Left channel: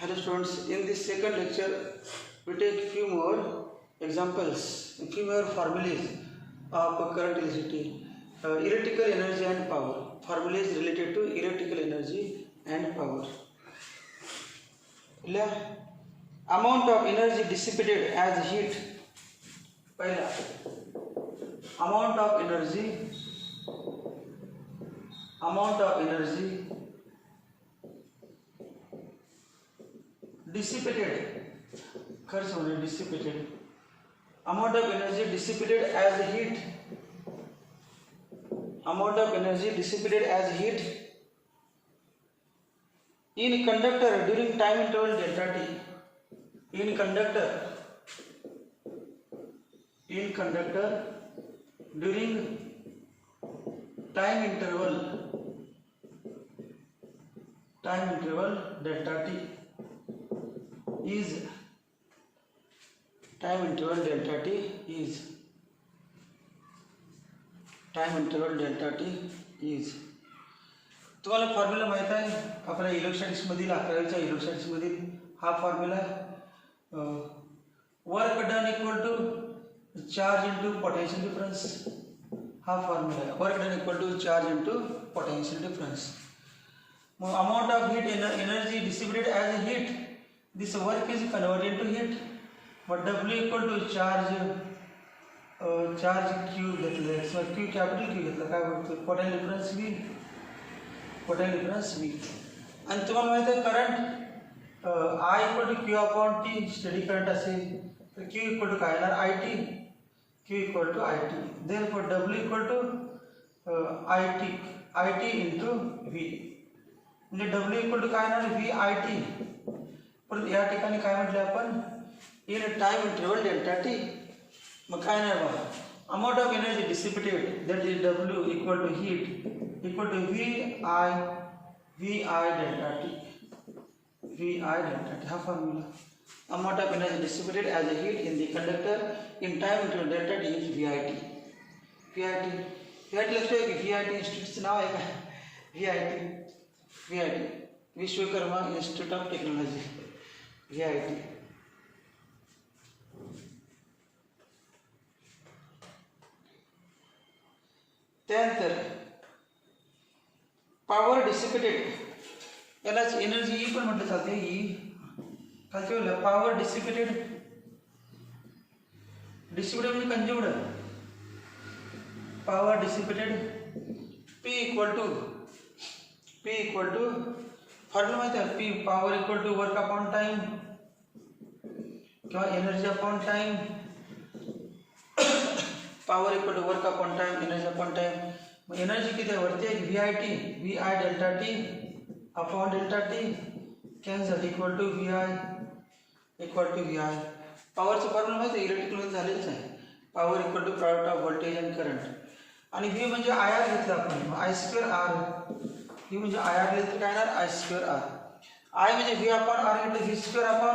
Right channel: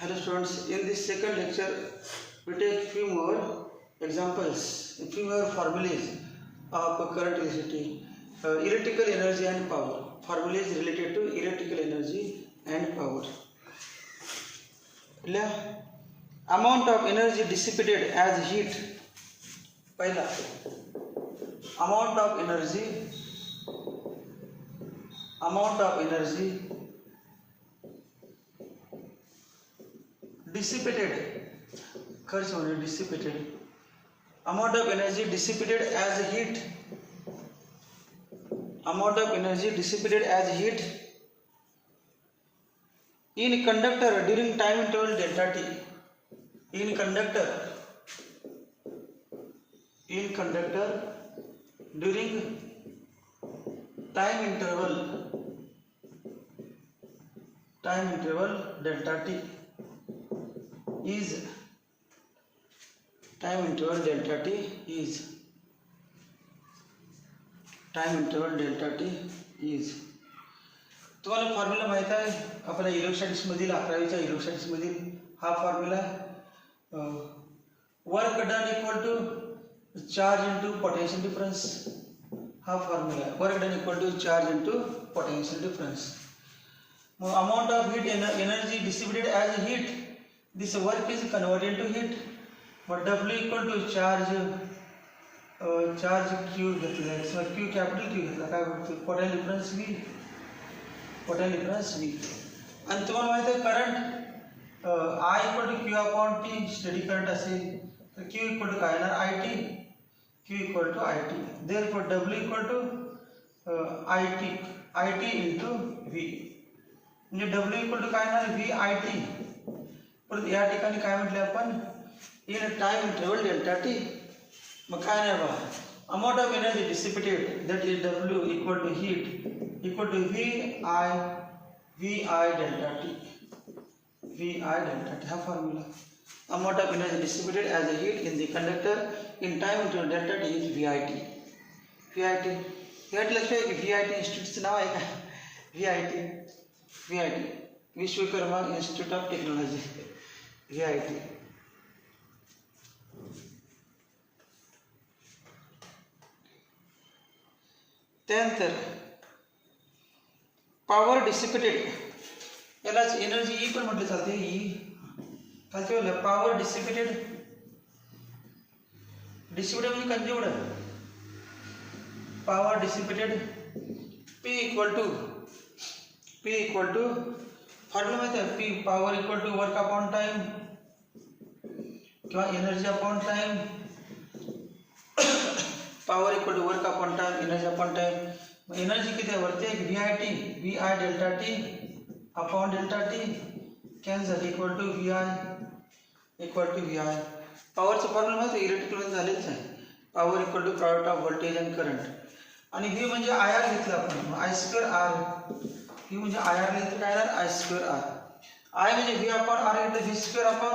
Hello students, in this second lecture we take few more examples, few more formulas of current electricity, electrical energy and power. Formulas related to electrical energy and power. Amount of energy dissipated as heat. पहला amount of energy dissipated, खर्च होने dissipated, amount of energy dissipated as heat, amount of energy dissipated as heat in conductor during time interval delta t, in conductor during time interval delta t is time interval delta t is तुम्हाला formula माहित आहे आपल्या electronics मधील 11वीच्या electronics मधील हा formula work done equal to charge into potential difference, हा formula आहे work done equal to charge into potential difference. Amount of heat energy distributed as heat, this work is converted into heat, but W equal to charge Q घेतला, so Q capital Q घेतला, काय होतं potential difference V. आणि तुम्हाला माहित आहे current I equal to Q upon T steady current असेल तर Q equal to काय येणार Q equal to IT. Therefore W equal to IT into V, म्हणजे W equal to काय येणार V IT. परंतु या ठिकाणी काय म्हटले आपण in time interval delta T. मग काय नाही बघा amount of energy dissipated that is W equal to heat equal to V I delta T हा formula. Amount of energy dissipated as a heat in the conductor in time interval delta T is V I T लक्षात आहे की V I T इन्स्टिट्यूटचं नाव आहे का V I T Vishwakarma institute of technology VIT. त्यानंतर power dissipated यालाच energy E पण म्हटलं जाते. खालच्या वेळेला पॉवर डिसिपेटेड म्हणजे consumed. Power dissipated P equal to formula माहिती आहे P power equal to work upon time किंवा energy upon time. Power equal to work upon time energy upon time. मग एनर्जी किती आहे वरती एक V I delta T upon delta T cancel equal to V I. पॉवरचं formula माहिती आहे electrical झालेच आहे. Power equal to product of voltage and current. आणि व्ही म्हणजे आय आर घेतला आपण आय स्क्वेअर आर. व्ही म्हणजे आय आर लिहिलं तर काय येणार आय स्क्वेअर आर. आय म्हणजे व्ही अपॉन आर घेतलं V square upon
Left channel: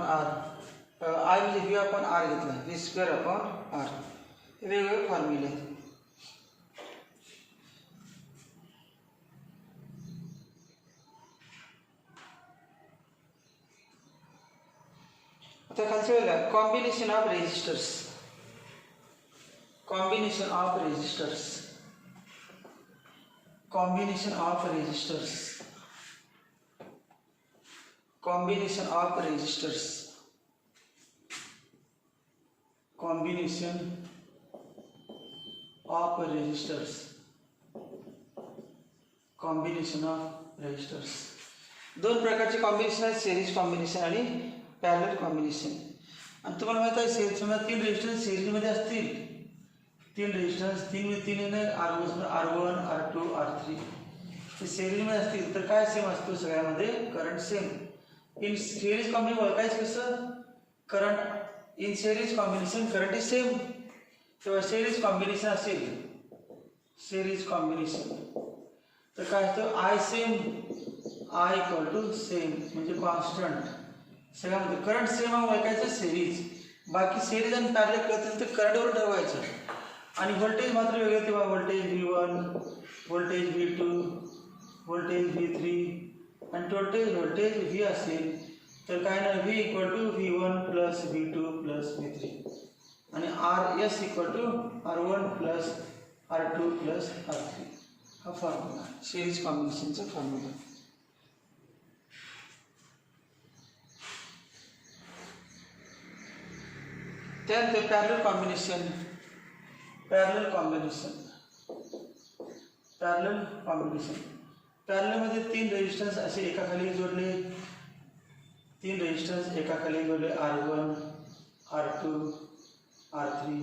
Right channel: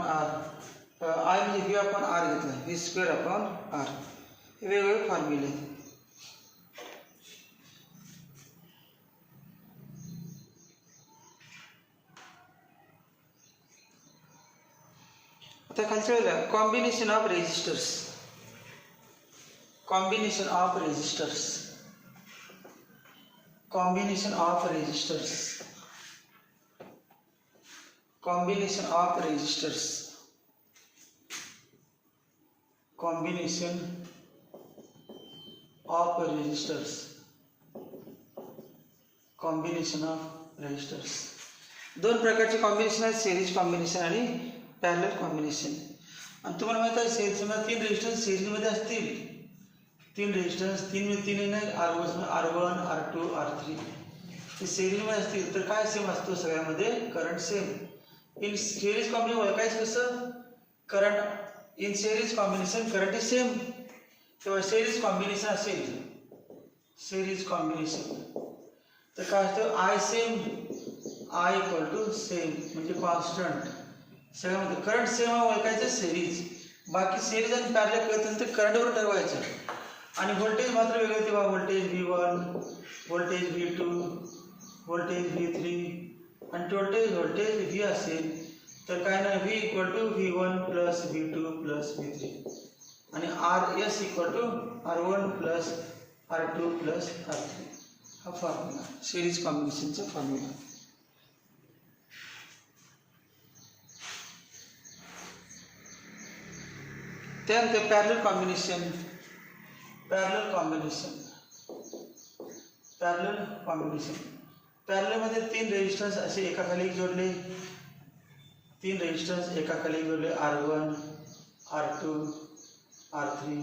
R. I म्हणजे व्ही अपॉन आर घेतला व्ही स्क्वेअर अपॉन आर. हे वेगवेगळे फॉर्म्युले आहेत. आता खालच्या वेळेला कॉम्बिनेशन ऑफ रेजिस्टर्स दोन प्रकारचे कॉम्बिनेशन आहेत सिरीज कॉम्बिनेशन आणि पॅरलल कॉम्बिनेशन. आणि तुम्हाला माहित आहे सिरीजमध्ये 3 रेजिस्टन्स सिरीजमध्ये असतील. 3 रेजिस्टन्स 3 नाही R1 R2 R3 ते सिरीजमध्ये असतील तर काय सेम असतो सगळ्यामध्ये current same. In series combination ओळखायचं कसं current in series combination current is same. किंवा सिरीज कॉम्बिनेशन असेल तर काय असतं I same I equal to same म्हणजे कॉन्स्टंट. सगळ्यामध्ये करंट सेम ओळखायचं सिरीज. बाकी सिरीज आणि पॅरलल करतील तर करंटवर ठरवायचं. आणि व्होल्टेज मात्र वेगळे होते बघा. Voltage V1, voltage V2, voltage V3 आणि टोटल व्होल्टेज V असेल तर काय नाही, V equal to V1 plus V2 plus V3 आणि RS equal to R1 plus R2 plus R3. हा फॉर्म्युला सिरीज कॉम्बिनेशनचा फॉर्म्युला. त्यानंतर पॅरलल कॉम्बिनेशन. पॅरलल कॉम्बिनेशन पॅरललमध्ये 3 रेजिस्टन्स असे एकाखाली जोडले, 3 रेजिस्टन्स एकाखाली जोडले, R1, R2, R3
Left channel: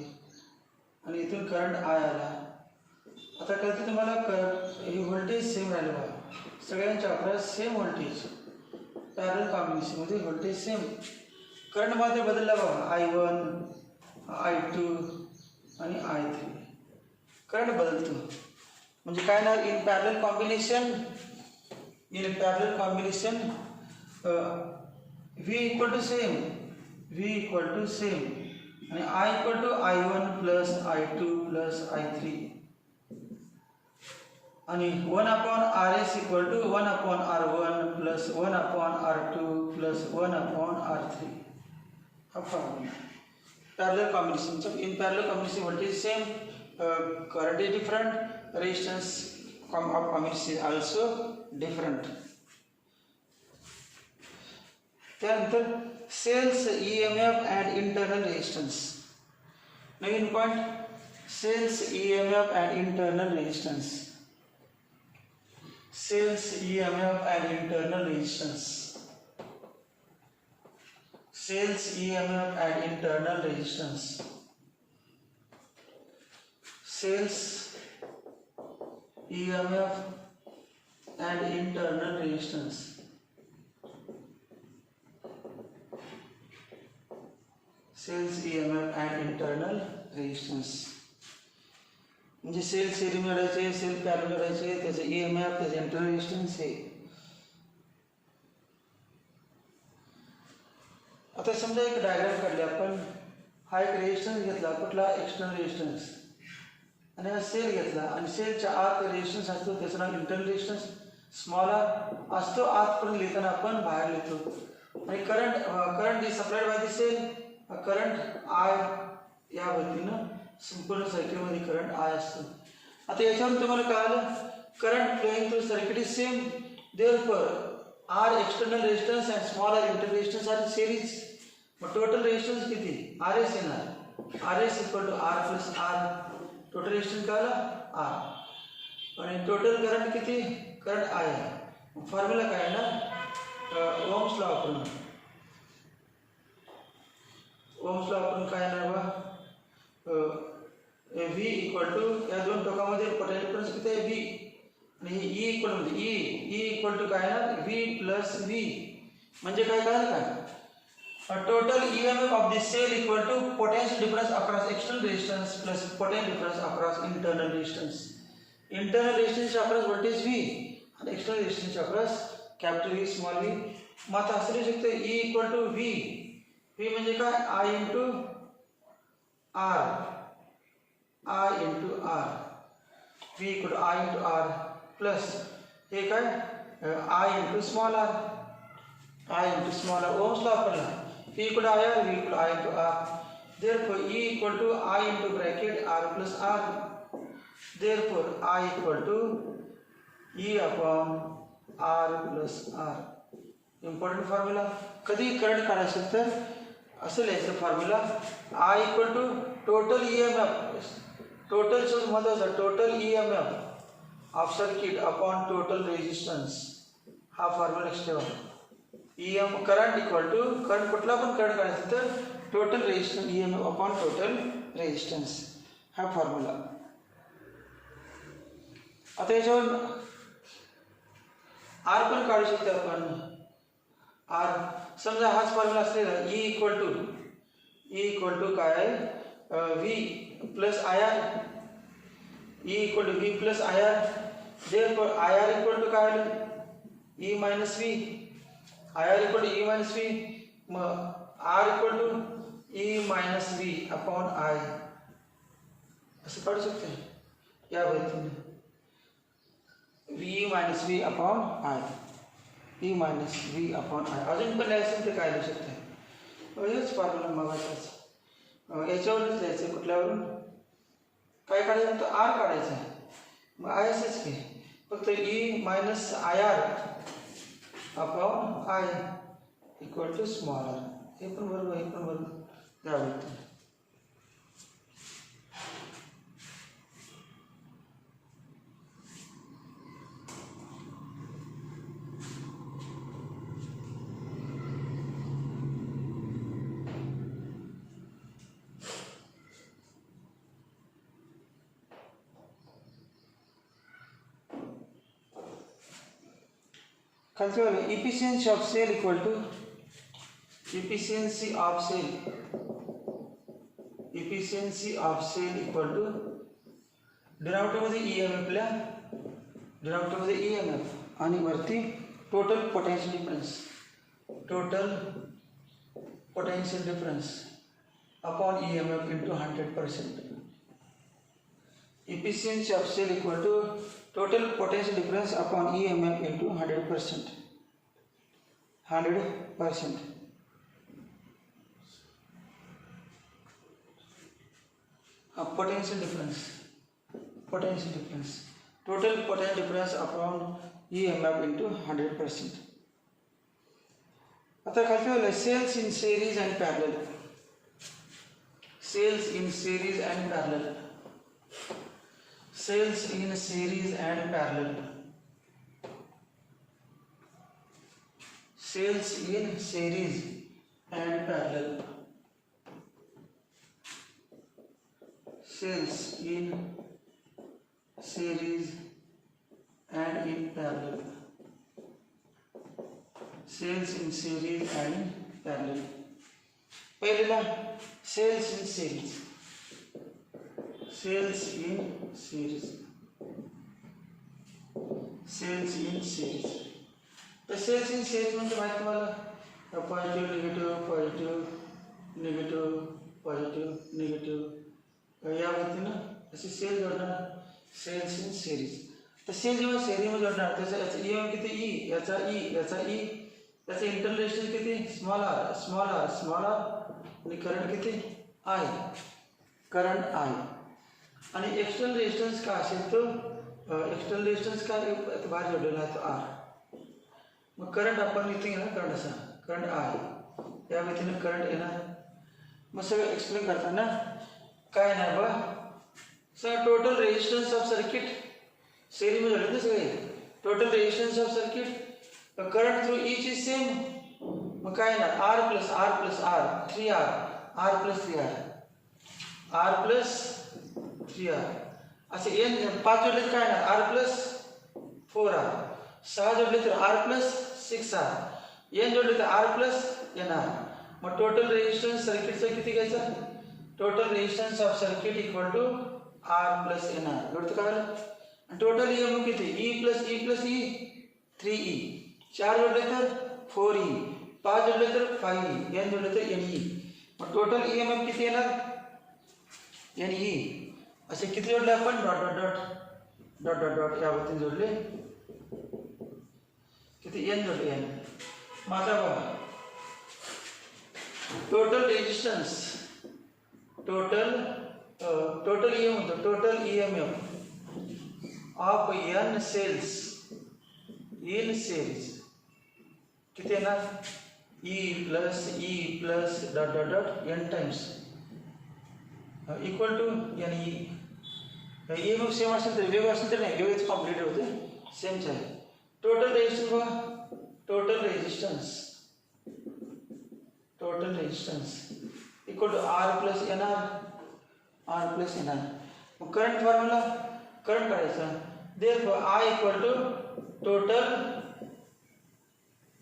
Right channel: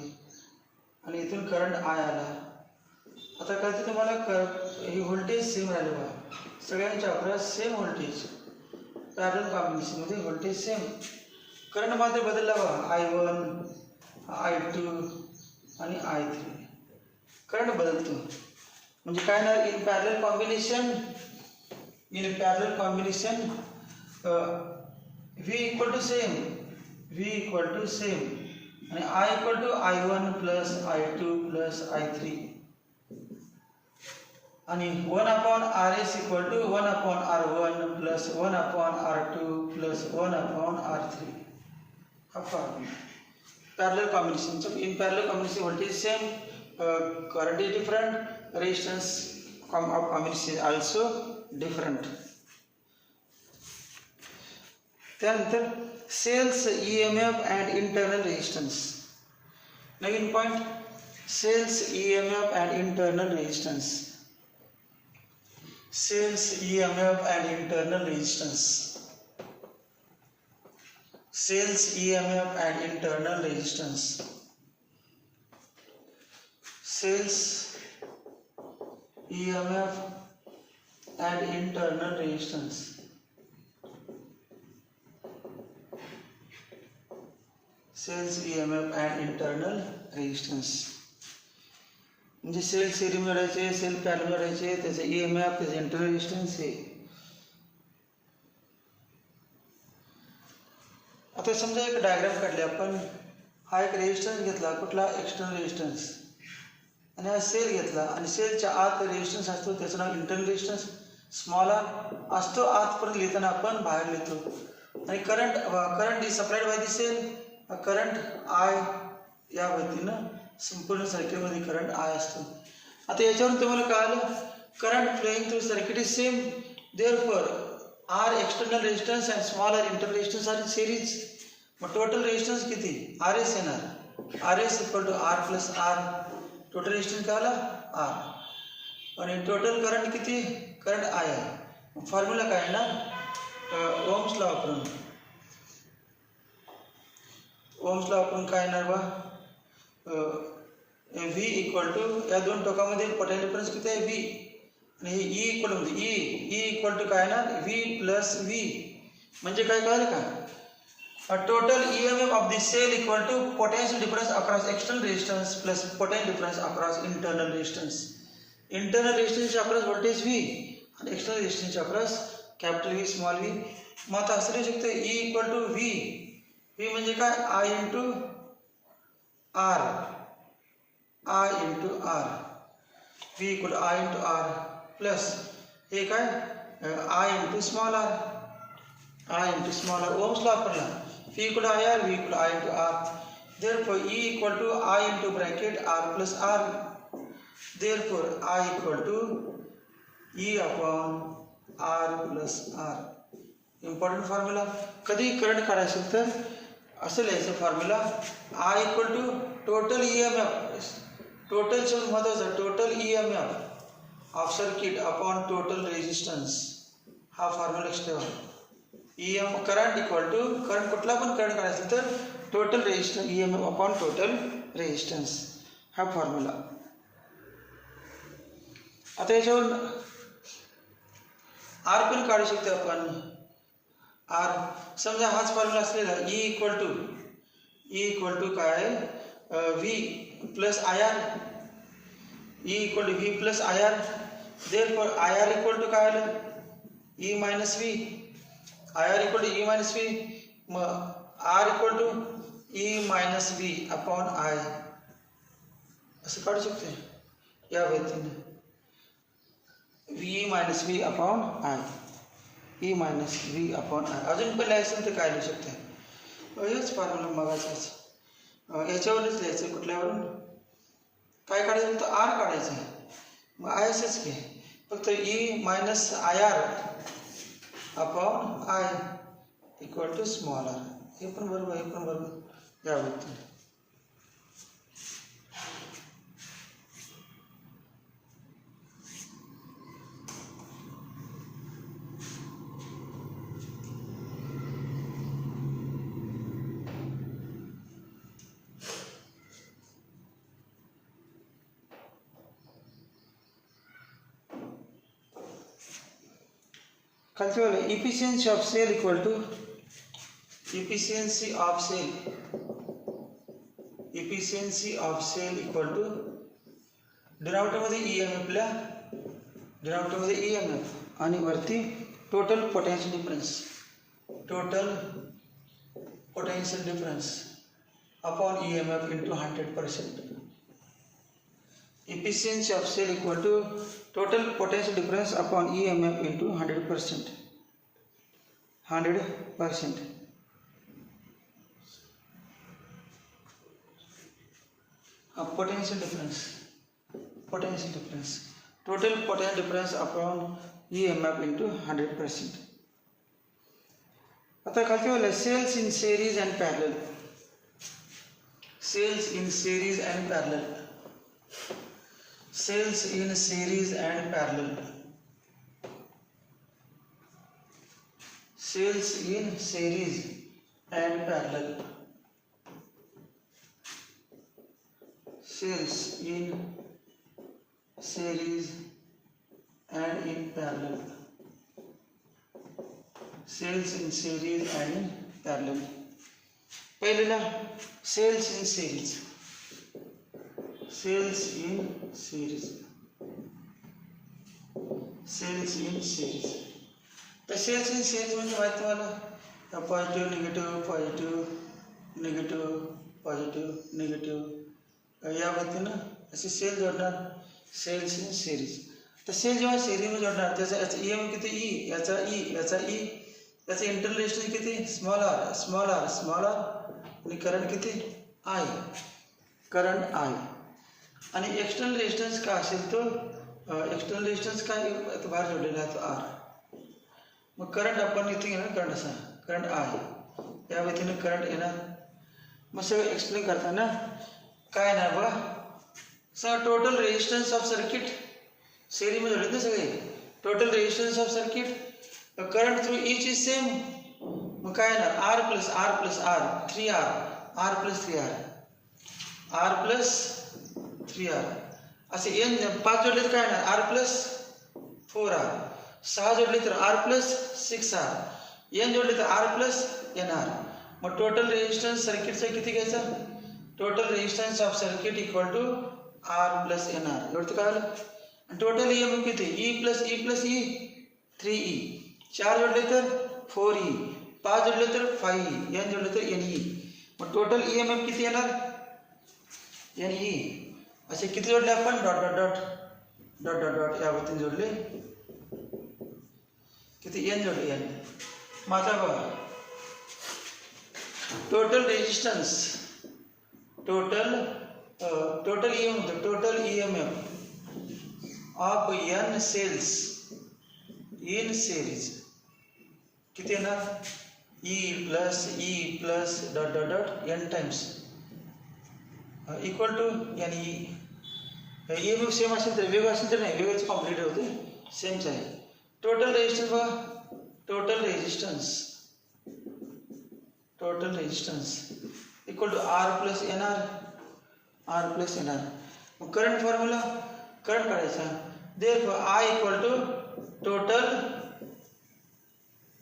आणि इथून करंट I आला. आता कळते तुम्हाला ही व्होल्टेज सेम राहिले बघा, सगळ्यांच्या अक्रॉस सेम व्होल्टेज. पॅरलल कॉम्बिनेशनमध्ये व्होल्टेज सेम, करंट मध्ये बदलला बघा, I1, I2 आणि I3 करंट बदलतो. म्हणजे काय ना, in parallel combination V equal to same आणि I equal to I1 plus I2 plus I3 आणि 1/RS equal to 1/R1 plus 1/R2 plus 1/R3. हा फॉर्म्युला पॅरलल कॉम्बिनेशनचा. In parallel combination voltage same, current is different, resistance of combination is also different. त्यानंतर cells EMF and internal resistance. नवीन point, cells EMF and internal resistance. Cells EMF and internal resistance. Cells EMF and internal resistance. Cells EMF and internal resistance. Cells EMF and internal resistance. म्हणजे sale series काढायचे, sale parallel काढायचे, त्याचे EMF, त्याचे internal resistance हे. आता समजा एक diagram काढली आपण. हा एक रेजिस्टन्स घेतला, कुठला एक्सटर्नल रेजिस्टन्स, आणि हा सेल घेतला आणि सेलच्या आत रेजिस्टन्स असतो, त्याचं नाव इंटरनल रेजिस्टन्स स्मॉल आर असतो. आतपर्यंत लिहिताना आपण बाहेर लिहितो. आणि current is supplied by the cell, current I या पद्धतीनं संपूर्ण सर्किटमध्ये करंट I असतो. आता याच्यावरून तुम्हाला कळालं, current flowing through circuit is same, therefore R external resistance and small R internal resistance are series. मग टोटल रेजिस्टन्स किती, RS येणार, RS equal to R plus R. Total resistance काय आला R आणि टोटल करंट किती, current I आहे. Formula काय आहे ना, ओम्स लॉ वापरून. ओम्स लॉ वापरून काय येणार बा, V इक्वल टू या दोन टोकामध्ये पोटेन्शियल डिफरन्स किती आहे V आणि हे E इक्वल म्हणजे E इक्वल टू काय येणार V प्लस V. म्हणजे काय कळलं काय, total EMF of the cell equal to potential difference across external resistance plus potential difference across internal resistance. Internal रेजिस्टन्सच्या अक्रॉस व्होल्टेज V आणि एक्सटर्नल रेजिस्टन्सच्या across capital V small V. मग आता असं लिहू शकतो E इक्वल टू V म्हणजे काय I into R, I into R, V equal I into R plus हे काय I into small R, I into small R. Ohm's law वापरला, V equal I R, V equal I into R. Therefore E equal to I into bracket R plus R. Therefore I equal to E upon R plus R. Important formula. कधी current काढायचं असेल तर असं लिहायचं formula, I equal to total EMF, total शब्द महत्वाचा, total EMF of circuit upon total resistance. हा formula लक्षात ठेवा. करंट इक्वल टू, करंट कुठला पण करंट काढायचं तर total resistance EMF upon total resistance. हा फॉर्म्युला. आता याच्यावर R पण काढू शकतो आपण. R समजा हाच फॉर्म्युला असलेला E इक्वल टू काय V plus IR, E equal to V plus IR. Therefore IR equal to काय आलं E minus V, IR equal to E minus V. मग R equal to E minus V upon I कसं काढू शकते या पद्धतीने V minus V upon I, E minus V upon I. अजून पण लिहायचं असेल तर काय लिहू शकते, हेच फॉर्म्युला मगाचाच याच्यावरच लिहायचं. कुठल्यावरून काय काढायचं तर आर काढायचं आहे. मग आय असंच की फक्त E minus I R upon I equal to small R. हे पण बरोबर, हे पण बरोबर या पद्धतीने. Calculate efficiency of cell equal to efficiency of cell equal to denominator मध्ये EMF ला डिनॉमिनेटर मध्ये EMF आणि वरती total potential difference upon EMF into 100%. Efficiency of cell equal to total potential difference upon EMF into 100%. 100%. Potential difference. Total potential difference upon EMF into 100%. आता calculate cells in series and parallel. Cells in series and parallel. Cells in series and parallel. Cells in series and parallel. Cells in series and in parallel. Cells in series and in parallel. पहिलेला cells in series. Cells in series. Cells in series. तर cells in series म्हणजे माहिती तुम्हाला positive negative positive negative positive negative या पद्धतीनं असे cell जोडणार. Cells in series. तर cell जेव्हा सेरीमध्ये जोडणार त्याचा याचा EMF किती ई, याचा ई, याचा ई, त्याचं इंटरनल रेजिस्टन्स किती small R small R small R आणि करंट किती आय, करंट आय. आणि एक्सटर्नल रेजिस्टन्स काय असेल तो एक्सटर्नल रेजिस्टन्स काय बाहेर जोडलेला आहे तो आर. मग करंट आपण इथे घेणार करंट असा करंट आय या व्यतीनं करंट येणार. मग सगळं एक्सप्लेन करताना काय नाही बघा sir total resistance of circuit सेरीमध्ये जोडले ना सगळे. Total resistance of circuit current through each is same. मग काय येणार R plus R plus R 3R R plus 3R R plus 3R असे एन 5 जोडले तर काय येणार आर प्लस 4R. 6 जोडले तर आर प्लस 6R. एन जोडले तर आर प्लस NR. मग टोटल रेजिस्टन्स सर्किटचा किती घ्यायचा total resistance of circuit equal to R plus NR. एवढं काय आलं. आणि टोटल EMF किती ई प्लस ई 3E. 4 जोडले तर 4E. 5 जोडले तर 5E. N जोडले तर NE. मग टोटल EMF किती येणार NE. असे किती जोडले आपण dot dot dot dot dot dot या पद्धतीने जोडले किती N जोडले N. मग आता बघा total resistance total EMF of N cells in series किती येणार E plus dot dot dot N times equal to NE. EMF same असेल तर वेगळं असेल तर नाही वेगळंच कॉम्प्लिट होते सेमच आहे. टोटल रेजिस्टन्स बघा total resistance equal to R plus NR. मग करंट फॉर्म्युला करंट काढायचा therefore I equal to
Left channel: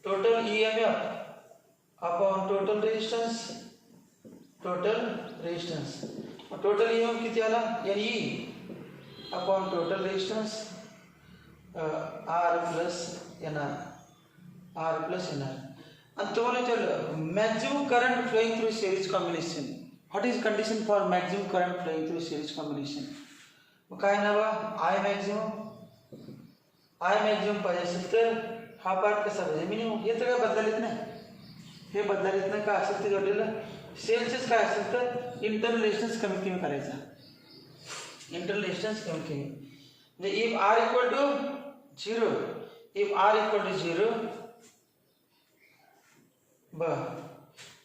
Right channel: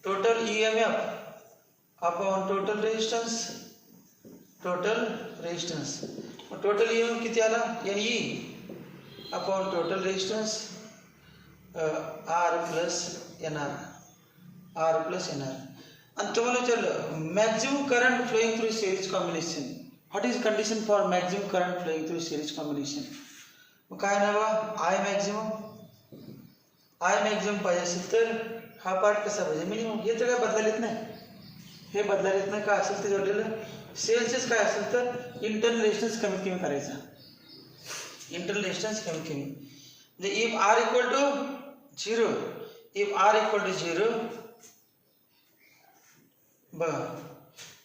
total EMF upon total resistance. मग टोटल EMF किती आला NE upon total resistance R plus NR. आणि तुम्हाला विचारलं maximum current flowing through series combination what is condition for maximum current flowing through series combination. मग काय ना बा आय मॅक्झिमम पाहिजे असेल तर हा पार्ट कसा पाहिजे मिनिमम. हे तर काय बदलायला येत नाही, हे बदलायला येत नाही. काय असेल ते जोडलेलं सेल्सच काय असेल तर इंटरनल रेजिस्टन्स कमीत कमी करायचा. इंटरनल रेजिस्टन्स कमीत कमी म्हणजे if R equal to 0, if R equal to 0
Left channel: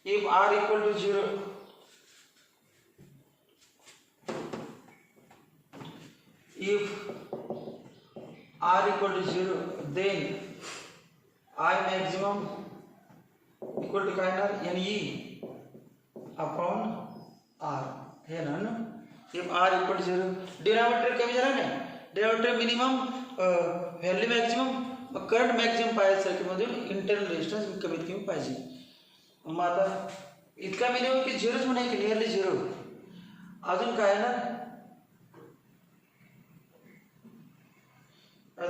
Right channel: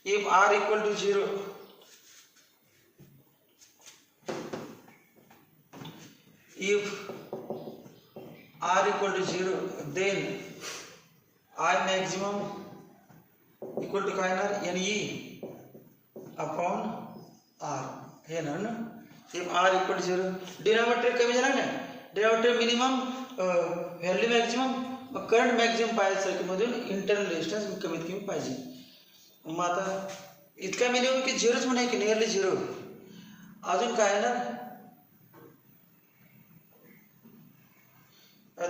if R equal to 0 if r equal to 0 then I maximum equal to काय येणार NE upon R हे ना. if r equal to 0 denominator कमी झाला नाही, डिनॉमिनेटर मिनिमम व्हॅल्यू मॅक्झिमम, मग current maximum पाहिजे सर्किटमधून इंटरनल रेजिस्टन्स कमीत कमी पाहिजे. मग आता इतका मिनिमम की 0च म्हणा की नियरली 0. अजून काय येणार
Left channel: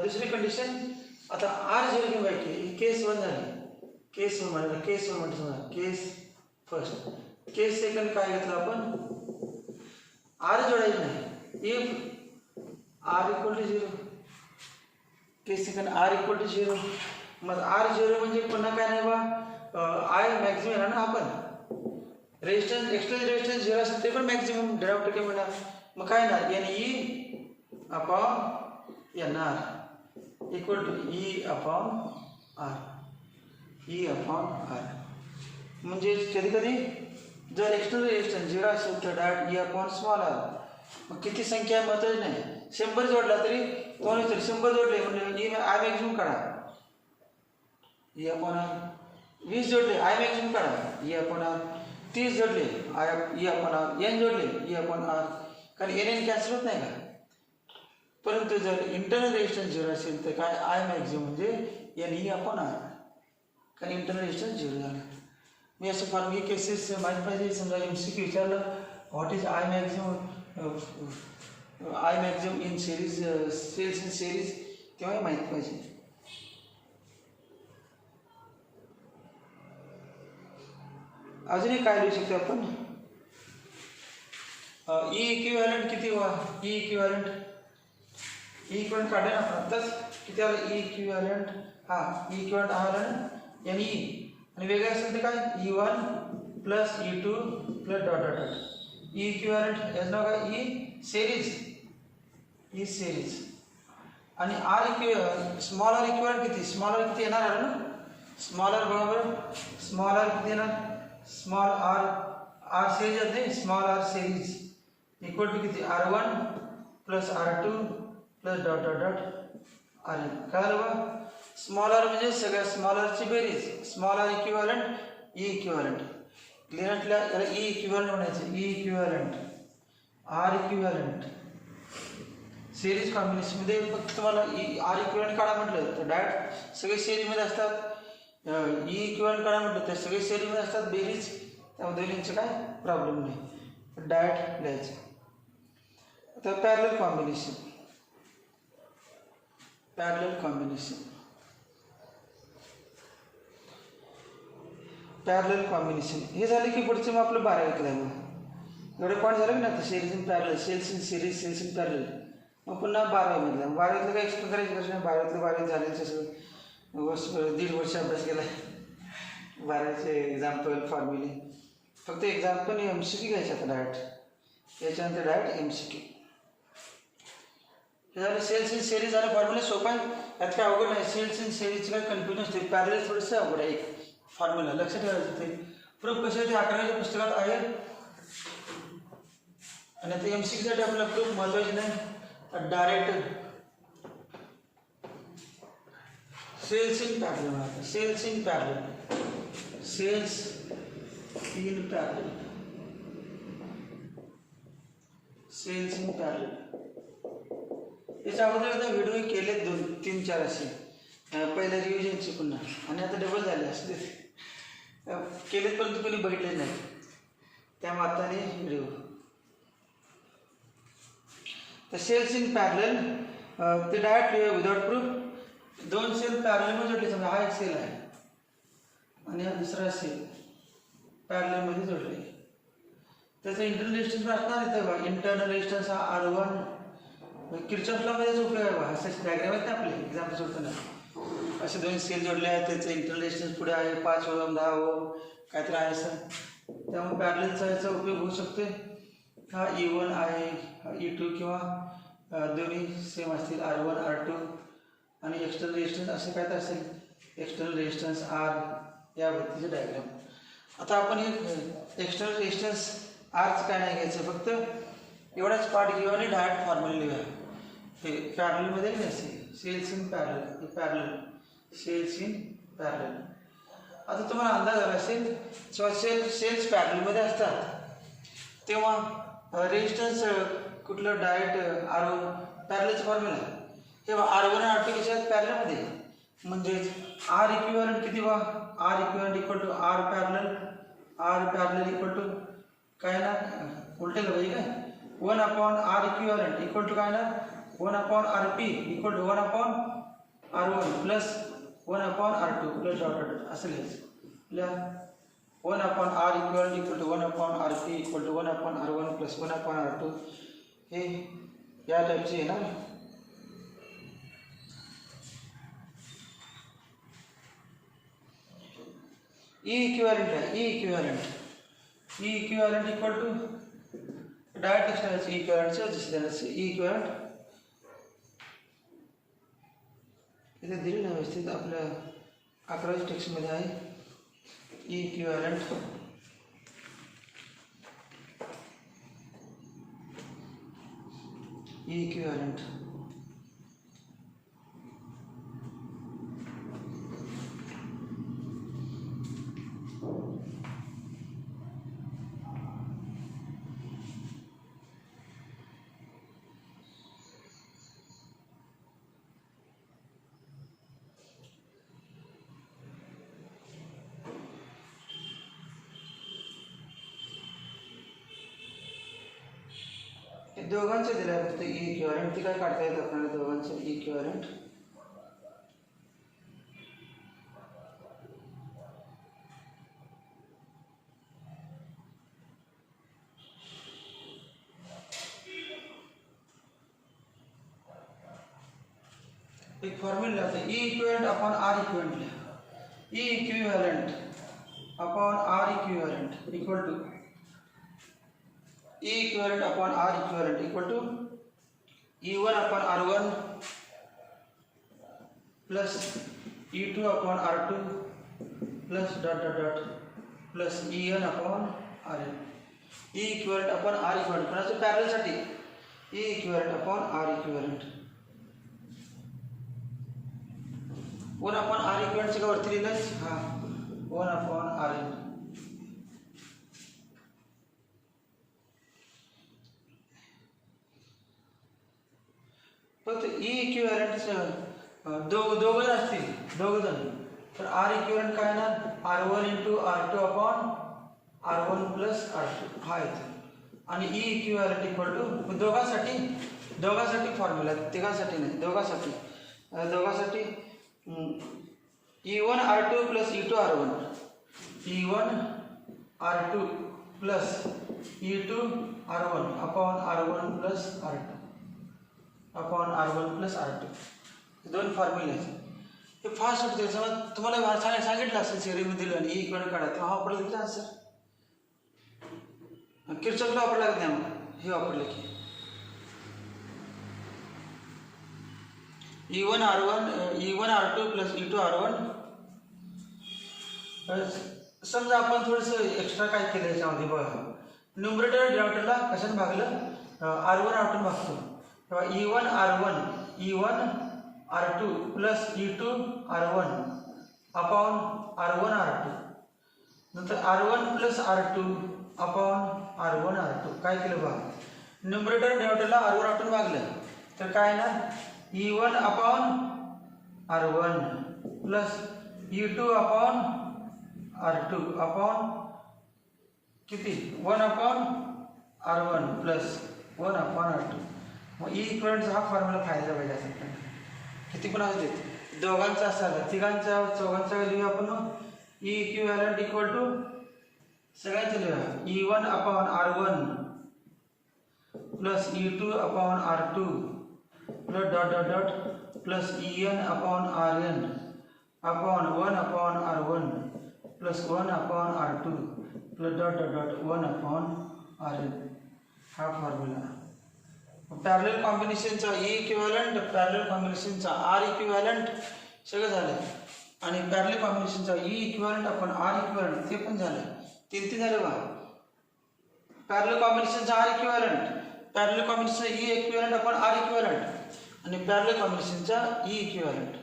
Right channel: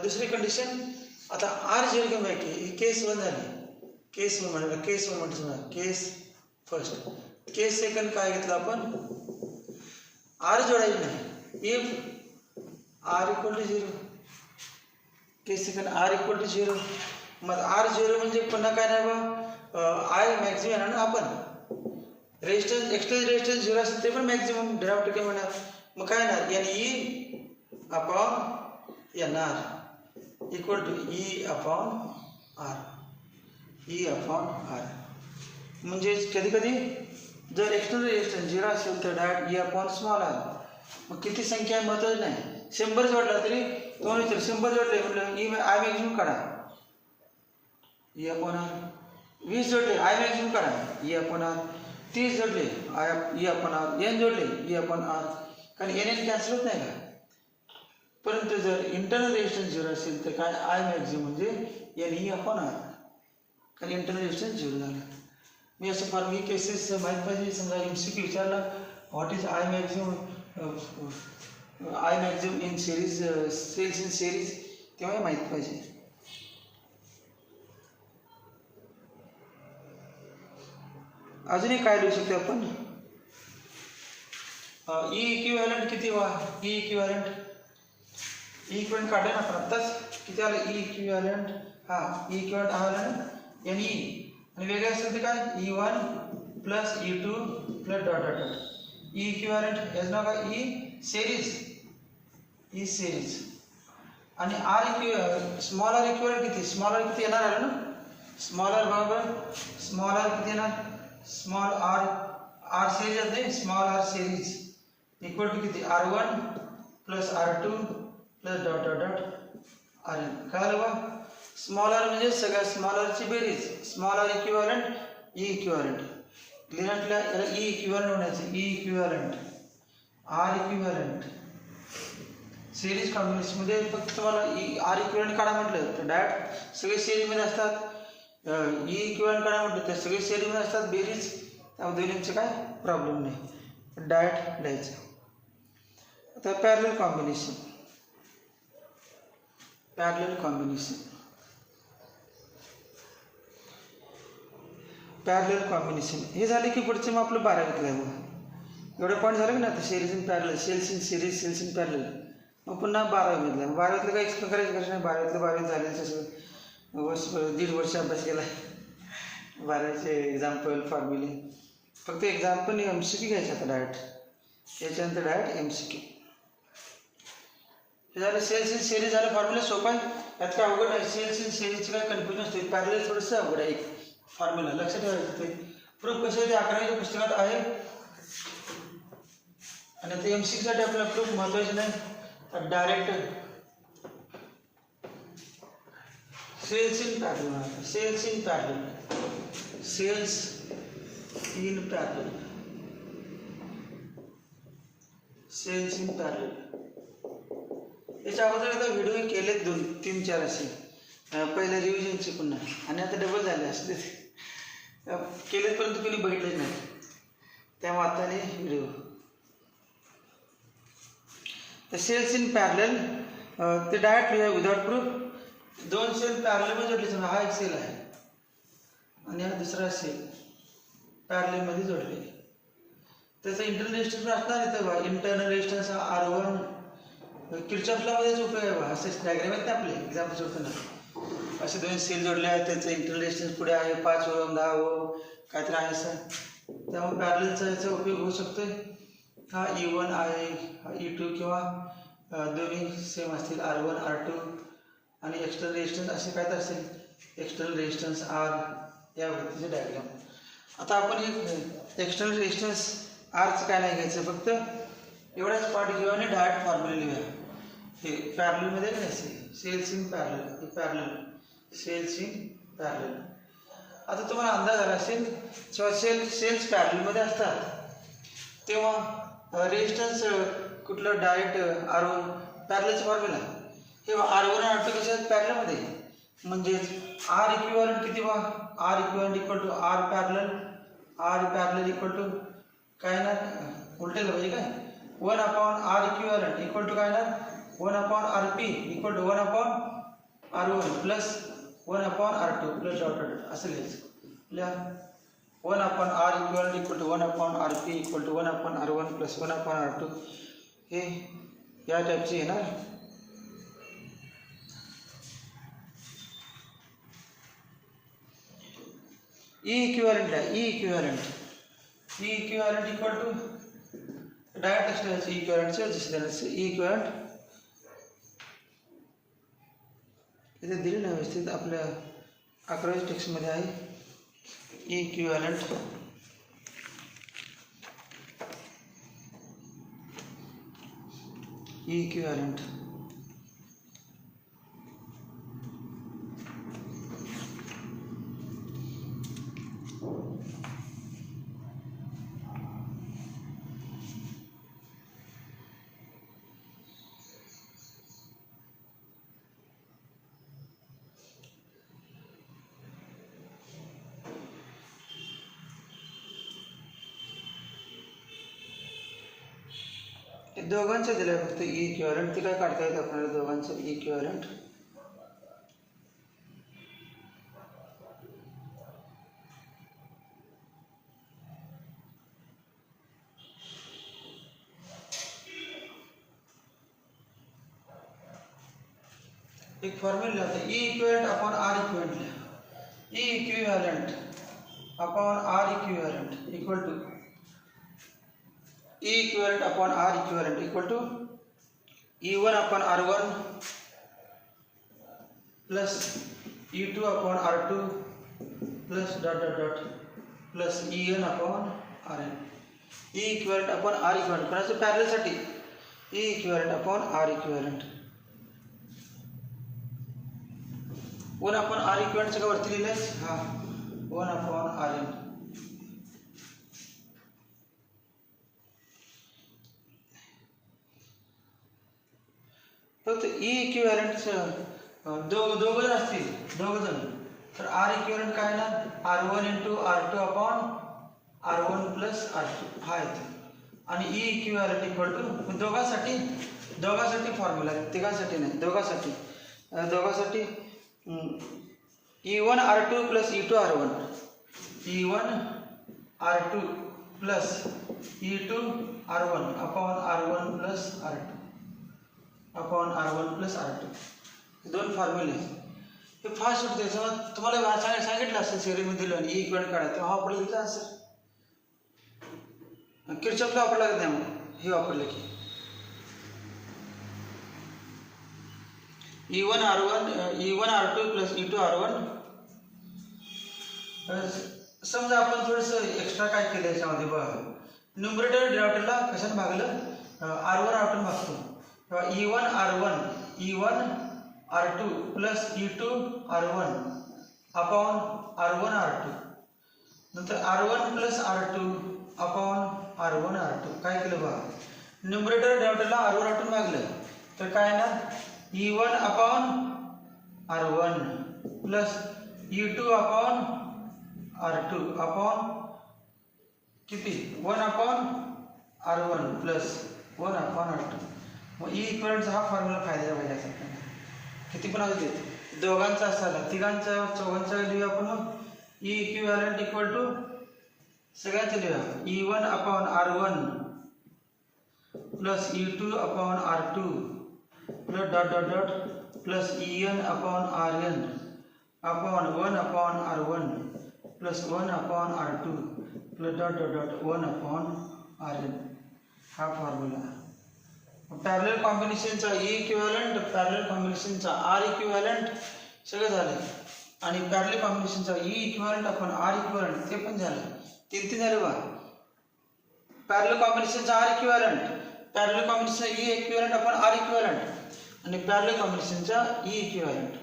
दुसरी कंडिशन. आता आर 0 घेऊन बाकी केस 1 झाली, केस 1 म्हणाला, केस 1 म्हणतो समजा, केस फर्स्ट. केस सेकंड काय घेतलं आपण आर जोडायचं नाही. If R equal to 0 case second R equal to 0 मग आर 0 म्हणजे पुन्हा काय नाही बा आय मॅक्झिमम येणार ना. आपण रेजिस्टन्स एक्सटर्नल रेजिस्टन्स 0 असेल ते पण मॅक्झिमम डिनॉमिनेटर काय म्हणणार. मग काय येणार NE upon NR equal to E upon R. E upon R म्हणजे कधी कधी जर एक्सटर्नल रेजिस्टन्स 0 असेल तर direct E upon small r. मग किती संख्या आहे महत्त्वाची नाही, 100 जोडला तरी दोन विचार 100 जोडले म्हटलं E आय मॅक्झिमम काढा E अपॉन R. 20 जोडले आय मॅक्झिमम काढा E अपॉन R. 30 जोडले E अपॉन R. N जोडले E अपॉन R. कारण NN कॅन्सल होत नाही का. परंतु जर इंटरनल रेजिस्टन्स 0 असेल तर काय आय मॅक्झिमम म्हणजे NE अपॉन R. कारण इंटरनल रेजिस्टन्स 0 झाला. मी असं फार मी केसेस माहीत पाहिजे. समजा MCQ विचारलं what is I maximum in series cells in series तेव्हा माहीत पाहिजे. अजूनही काय लिहू शकतो आपण ई इक्विव्हॅलंट किती व्हा ई इक्विव्हॅलंट काढले ना आपण आत्ताच किती आलं ई इक्विव्हॅलंट. ई इक्विव्हॅलंट हा आला ना NE आणि वेगळे असेल ते काय E1 plus E2 plus dot dot dot. E equivalent याचं नाव काय ई सिरीज आणि आर स्मॉल आर इक्विव्हॅलंट किती स्मॉल आर किती येणार आलं ना. स्मॉल आर बरोबर स्मॉल आर किती येणार स्मॉल आर सिरीज येते small R series equal to किती R1 plus R2 plus dot dot dot RN. काय आलं बा स्मॉल आर म्हणजे सगळ्या स्मॉल आरची बेरीज. Small R equivalent E equivalent लिहिण्यातल्या याला ई इक्विव्हॅलंट म्हणायचं. E equivalent R equivalent series कॉम्बिनेशनमध्ये फक्त तुम्हाला आर इक्विव्हॅलंट काढा म्हटलं तर डायरेक्ट सगळे सिरीजमध्ये असतात. ई इक्विव्हॅलंट काढा म्हटलं तर सगळे सिरीजमध्ये असतात बेरीज. त्यामध्ये दोन्हींचे काय प्रॉब्लेम नाही डायरेक्ट लिहायचं. आता पॅरलल कॉम्बिनेशन हे झाले की पुढचे मग आपलं 12वीतलं आहे. मग एवढं पॉईंट झालं की ना आता series in parallel cells in series cells in parallel. मग पुन्हा 12वीमधलं 12वीतलं काही एक्सप्लेन करायची गरज नाही. 12वीतलं झालेलं तसं 1.5 वर्ष अभ्यास केला आहे. 12वीचे एक्झाम्पल फॉर्म्युले फक्त एक्झाम्पल MCQ घ्यायचे आता डायरेक्ट. याच्यानंतर डायरेक्ट MCQ हे झालं. सेल्स इन सिरीज झालं फॉर्म्युला सोपा आहे यात काय अवघड नाही. सेल्स इन सिरीजची काय कन्फ्युजन असते. पॅरलल थोडंसं अवघड आहे एक फॉर्म्युला लक्षात ठेवायचं. ते प्रूफ कसे ते 11वीच्या पुस्तकात आहे आणि आता MCQसाठी आपल्याला प्रूफ महत्त्वाचे नाही. डायरेक्ट सेल्स इन पॅरलल याच्या अगोदर एकदा व्हिडिओ केलेत 2-3-4 असे पहिले रिव्हिजनचे पुन्हा आणि आता डबल झाले असले केलेत परंतु कोणी बघितले नाही. त्या माताने व्हिडिओ तर सेल्स इन पॅरलल ते डायरेक्ट विदाउट प्रूफ 2 सेल पॅरललमध्ये जोडले. समजा हा एक सेल आहे आणि हा दुसरा सेल पॅरललमध्ये जोडले त्याचं इंटरनल रेजिस्टन्स असणार इथं बघा. इंटरनल रेजिस्टन्स हा R1 किर्चॉफ लॉमध्येच उपयोग आहे बघा. असं डायग्राम आहेत ना आपले एक्झाम्पल सोडताना. असे 2 सेल जोडले आहेत, त्याचं इंटरनल रेजिस्टन्स पुढे आहे 5 ओहम 10 ओहम काहीतरी आहे असं. त्यामुळे पॅरललचा याचा उपयोग होऊ शकतोय. हा E1 आहे, हा E2 किंवा दोन्ही सेम असतील R1 R2 आणि एक्सटर्नल रेजिस्टन्स असे काय तर असेल. एक्सटर्नल रेजिस्टन्स R या पद्धतीचे डायग्राम. आता आपण एक एक्सटर्नल रेजिस्टन्स Rचं काय नाही घ्यायचं, फक्त एवढाच पार्ट घेऊ आणि डायरेक्ट फॉर्म्युला लिहूया. हे पॅरललमध्ये घ्यायचे, सेल्स इन पॅरलल, हे पॅरलल, सेल्स इन पॅरलल. आता तुम्हाला अंदाज आला असेल जेव्हा सेल्स पॅरललमध्ये असतात तेव्हा रेजिस्टन्स कुठलं डायरेक्ट R1 पॅरललचं फॉर्म्युला हे R1 आणि R2 कसे आहेत पॅरललमध्ये. म्हणजेच R इक्विव्हॅलंट किती बा, R equivalent equal to R parallel equal to काय ना उलटे पाहिजे काय 1/R इक्विव्हॅलंट इक्वल टू काय ना 1/RP equal to 1/R1 plus 1/R2 plus dot असं लिहायचं. 1/R equivalent equal to 1/RP equal to 1/R1 plus 1/R2 हे या टाईपचे येणार. E इक्विव्हॅलंट आहे, E equivalent equal to direct external E इक्विव्हॅलंटचे जसे देण्याचे E इक्विव्हॅलंट इथे दिले नाही व्यवस्थित आपल्या 11व्या टेक्स्टमध्ये आहे. E इक्विव्हॅलंट दोघांचे दिलं आहे फक्त E इक्विव्हॅलंट. ते काय काढता येतं आपल्याला दोघांचं E इक्विव्हॅलंट. एक फॉर्म्युला आहे E equivalent upon R equivalent लिहा. E equivalent upon R equivalent equal to E equivalent upon R equivalent equal to E1 upon R1 plus E2 upon R2 plus dot plus En upon Rn. E equivalent upon R equivalent पण असं parallel साठी E equivalent upon R equivalent 1 upon R equivalent चं वरती लिहिलंय हा 1 upon Rn. फक्त E equivalent दोघं असतील दोघंजण तर R इक्विव्हॅलंट काय ना R1 × R2 upon R1 plus R2 हा येतो. आणि E इक्विव्हॅलंट इक्वल टू दोघांसाठी फॉर्म्युला तिघांसाठी नाही दोघांसाठी E1 R2 plus E2 R1 E1 R2 plus E2 R1 upon R1 plus R2 upon R1 plus R2 दोन फॉर्म्युले. हे फास्ट होतं त्याच्यामुळे तुम्हाला सांगितलं असेल सेरीमध्ये दिलं आणि E इक्विव्हॅलंट काढा तेव्हा वापरलं तिथं असेल. किर्चॉफला वापरला लागत नाही मग हे वापरले की E1 R2 plus E2 R1. समजा आपण थोडंसं एक्स्ट्रा काय केलं याच्यामध्ये बघा न्यूमरेटर डिनॉमिनेटरला कशाने भागलं R1 R2 भागतो तेव्हा E1 R2 plus E2 R1 upon R1 R2 नंतर R1 plus R2 upon R1 R2 काय केलं बघा न्यूमरेटर डिनॉमिनेटरला R1 R2 भागलं तर काय ना E1 upon R1 plus E2 upon R2 upon किती 1 upon R1 plus 1 upon R2. मग E इक्विव्हॅलंटचा हा फॉर्म्युला फायद्याचा पाहिजे असं आपल्याला किती पण असू दे दोघांचा असा तिघांचा चौघांचा लिहूया आपण मग E इक्विव्हॅलंट इक्वल टू सगळ्यांचे लिहा E1 upon R1 plus E2 upon R2 plus dot dot dot plus EN upon RN upon 1 upon R1 plus 1 upon R2 plus dot dot dot 1 upon RN हा formula parallel कॉम्बिनेशनचा E equivalent parallel कॉम्बिनेशनचा R equivalent सगळं झालं आणि parallel कॉम्बिनेशनचा E equivalent upon R equivalent ते पण झालं तीन झालं बा पॅरलल कॉम्बिनेशनचा R इक्विव्हॅलंट पॅरलल कॉम्बिनेशनचा E equivalent upon R equivalent आणि पॅरलल कॉम्बिनेशनचा E equivalent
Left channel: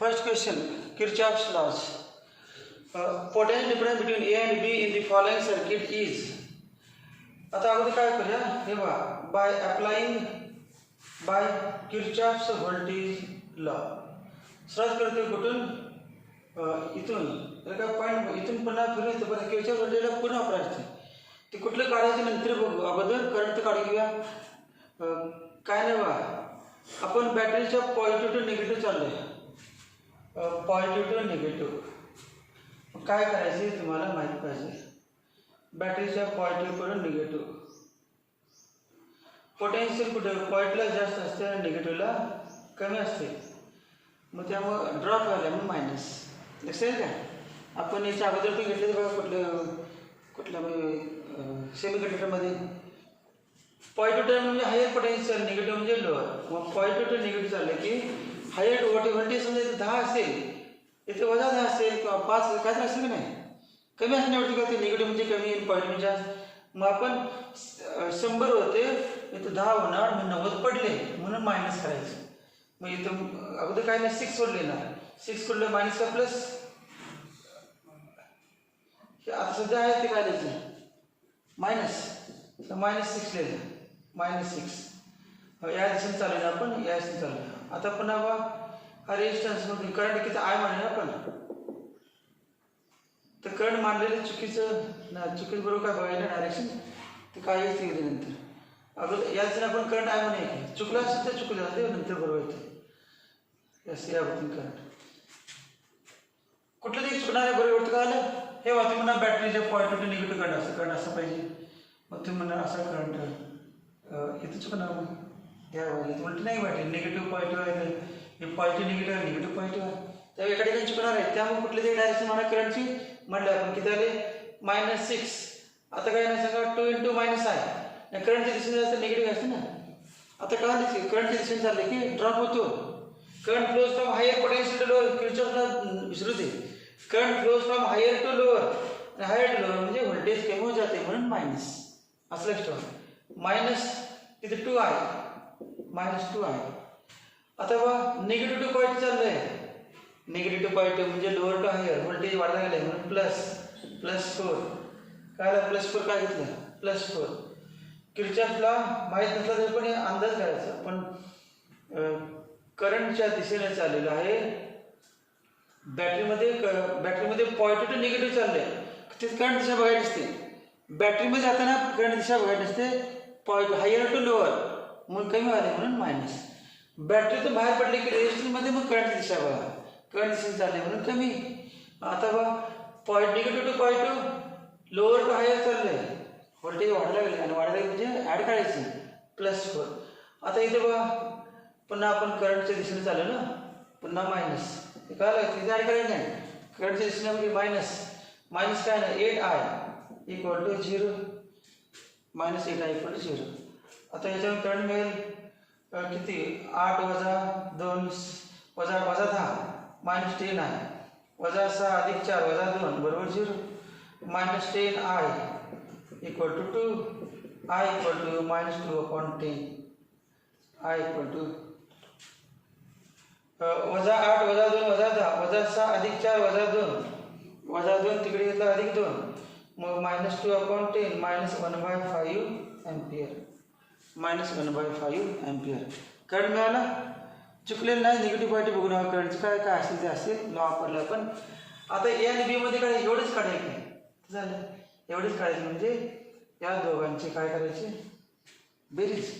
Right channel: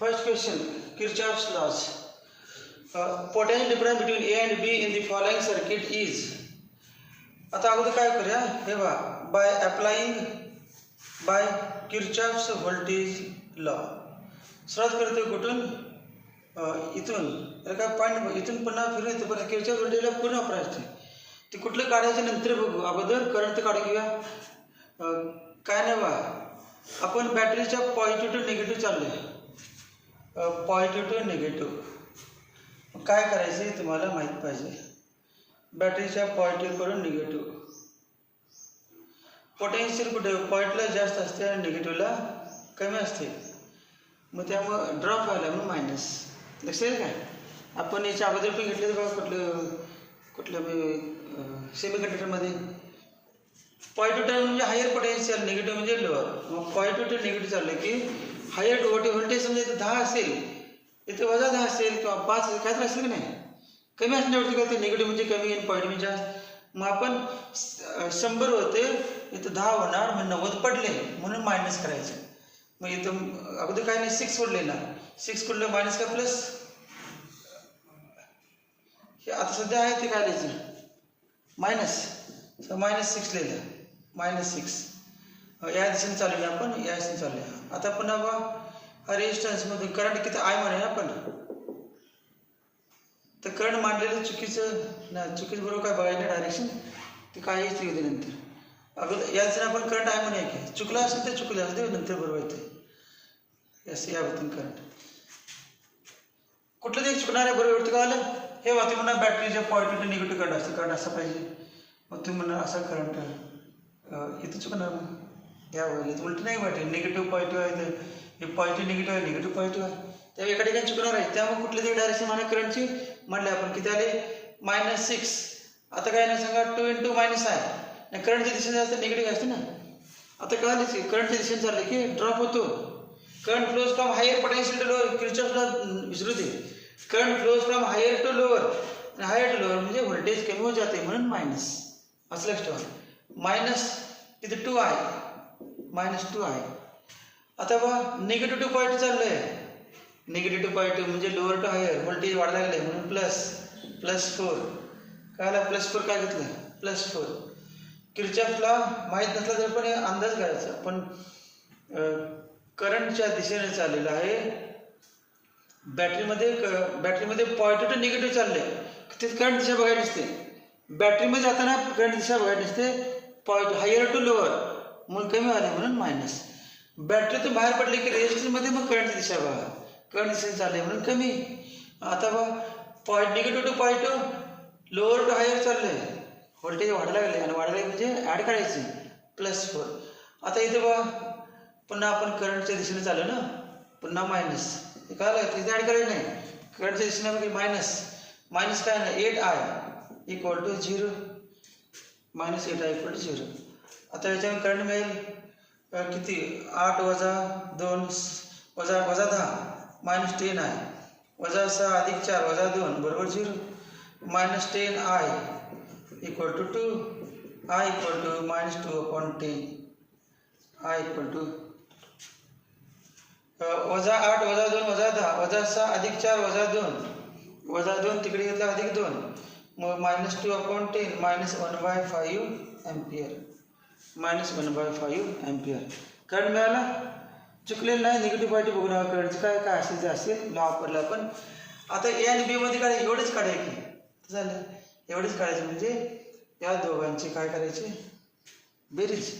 First question, Kirchhoff's laws. Potential difference between A and B in the following circuit is. आता अगोदर काय करूया हे बघा बाय किर्चॉफ्स व्होल्टेज लॉ सुरुवात करतो कुठून इथून काय पॉईंट इथून पुन्हा फिरून येतो पण किर्चॉफ्स व्होल्टेज लॉ पूर्ण वापरायचे ते कुठलं काढायचं नंतर बघू अगोदर करंट काढून घेऊया काय नाही बा आपण बॅटरीच्या पॉझिटिव्ह टू निगेटिव्ह चाललोय पॉझिटिव्ह टू निगेटिव्ह काय करायचं हे तुम्हाला माहीत पाहिजे बॅटरीच्या पॉझिटिव्ह करून निगेटिव्ह पोटेन्शियल कुठे पॉझिटिव्हला जास्त असते आणि निगेटिव्हला कमी असते मग त्यामुळं ड्रॉप व्हायला म्हणून मायनस लक्षात आहे काय आपण याच्या अगोदर पण घेतले बघा कुठलं सेमी कंडक्टरमध्ये पॉझिटिव्ह टर्म म्हणजे हायर पोटेन्शियल निगेटिव्ह म्हणजे लोअर मग पॉझिटिव्ह टू निगेटिव्ह चाललं की हायर व्होल्टेज समजा इथे 10 असेल इथे वजा 10 असेल किंवा 5 काय तर असेल की नाही कमी असण्यावरती काय ते निगेटिव्ह म्हणजे कमी आणि पॉझिटिव्ह म्हणजे जास्त मग आपण 100 होते इथं 10 होणार मग 90 पडले म्हणून मायनस करायचं मग इथं अगोदर काय नाही 6 वर लिहिणार 6 कुठलं मायनस का प्लस हे आता सध्या आहे ते काय लिहायचं -6 लिहिलं -6 या दिशेने चालूया आपण या दिशेने चालूया आता पुन्हा बा हा रेजिस्टन्समधून करंट किती आय म्हणूया आपण तर करंट मांडलेलं चुकीचं बरोबर काय बघायला डायरेक्शन ते काय येते नंतर अगोदर या दिशेने आपण करंट आय म्हणूया की चुकलं असेल तर चुकलं असते नंतर बरोबर येते यस या होती करंट कुठलं ते चुकणार आहे बरोबर का आलं हे वाटते म्हणा बॅटरीच्या पॉझिटिव्ह टू निगेटिव्ह करंट असं पाहिजे मग तुम्ही म्हणा असा करंट इथं चुकणार मग या वगैरे उलट नाही वाटते निगेटिव्ह पॉझिटिव्ह आहे हे पॉझिटिव्ह निगेटिव्ह आहे निगेटिव्ह पॉझिटिव्ह आहे त्यावेळी एका ठिकाणी चुकणार आहे त्यामुळे कुठले तरी डायरेक्शन म्हणा करंटची म्हटले आपण किती आले -6 आता काय नाही सांगा 2 × मायनस आहे करंटच्या दिशेने जायचं निगेटिव्ह असते ना आता कळालीच की करंटच्या दिशेने चालले की ड्रॉप होतो current flows from higher potential to lower किर्चॉफला विसरू दे current flows from higher to lower higher to lower म्हणजे व्होल्टेज कमी होत जाते म्हणून मायनस असं लक्षात ठेवा मायनस इथे 2 आहे -2 आहे आता बा निगेटिव्ह टू पॉईंट चाललं आहे निगेटिव्ह टू पॉझिटिव्ह म्हणजे लोअर टू हायर व्होल्टेज वाढ लागलं आहे म्हणून +4 काय आला +4 काय घेतलं +4 किर्चॉफला माहीत नसला तर पण अंदाज करायचा पण करंटच्या दिशेने चाललेलं आहे बॅटरीमध्ये पॉझिटिव्ह टू निगेटिव्ह चाललं आहे तिथे करंट दिशा बघायला नसते बॅटरीमध्ये जाताना करंट दिशा बघायला नसते पॉझिटिव्ह हायर टू लोअर म्हणून कमी आले म्हणून मायनस बॅटरीतून बाहेर पडले की रेजिस्टन्समध्ये मग करंटची दिशा बघा करंट दिशेने चालले म्हणून कमी आता बघा negative to positive lower to higher चाललं आहे व्होल्टेज वाढायला लागले आणि वाढायला लागले म्हणजे ॲड करायचे +4 आता इथे बघा पुन्हा आपण करंटच्या दिशेने चाललो ना पुन्हा मायनस हे काय लागतं तिथे ॲड करायचं नाही करंटच्या दिशेने म्हणजे मायनस काय नाही 8I = 0 -8I = 0 आता याच्यावर करंट मिळेल किती 8 - 2 - 10 -10 आहे -6 + 4 - 2 बरोबर 0 -10I = 2 I = -2/10 I equal to वजा 8 वजा 2 वजा 10 वजा 6 अधिक 4 वजा 2 वजा 2 तिकडे घेतला अधिक 2 मग -2/10 -1/5 एम्पियर -1/5 एम्पियर करंट मिळाला. चुकलेलं नाही, निगेटिव्ह पॉझिटिव्ह बघून हवा करंटचं काय काय असेल ते असेल लॉ वापरला आपण. आता ए आणि बी मध्ये काढायचे एवढेच काढायचे झालं एवढेच काढायचे म्हणजे या दोघांचे काय करायचे बेरीज.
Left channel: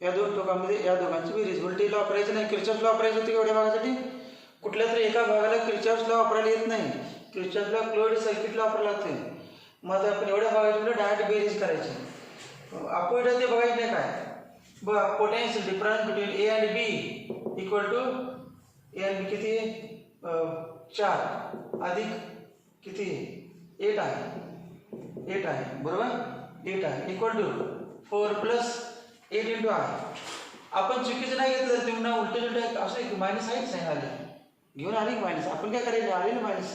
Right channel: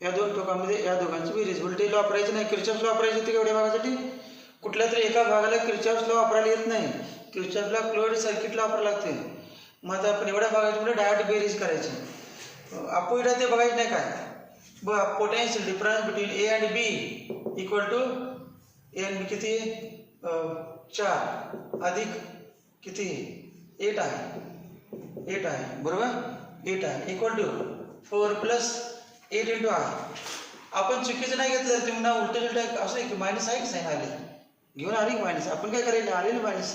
या दोन टोकामध्ये या दोघांची बेरीज. व्होल्टेज लॉ वापरायचं नाही, किर्चॉफ्स लॉ वापरायचं ते एवढ्या भागासाठी. कुठल्या तरी एका भागाला किर्चॉफ्स लॉ वापरायला येत नाही, किर्चॉफ्स लॉ क्लोज्ड सर्किटला वापरायला लागते. मग आता आपण एवढ्या भागाची म्हणजे डायरेक्ट बेरीज करायची. अपोजिट ते बघायचं नाही काय बघा. Potential difference between A and B equal to A and B किती 4 अधिक किती 8 आहे बरोबर 8 आहे इक्वल टू 4 + 8 × I. आपण चुकीचं नाही घेतलं तुम्ही ना उलट असं एक मायनस आहे साईन आले घेऊन आले की मायनस. आपण काय करायचं आलेलं मायनस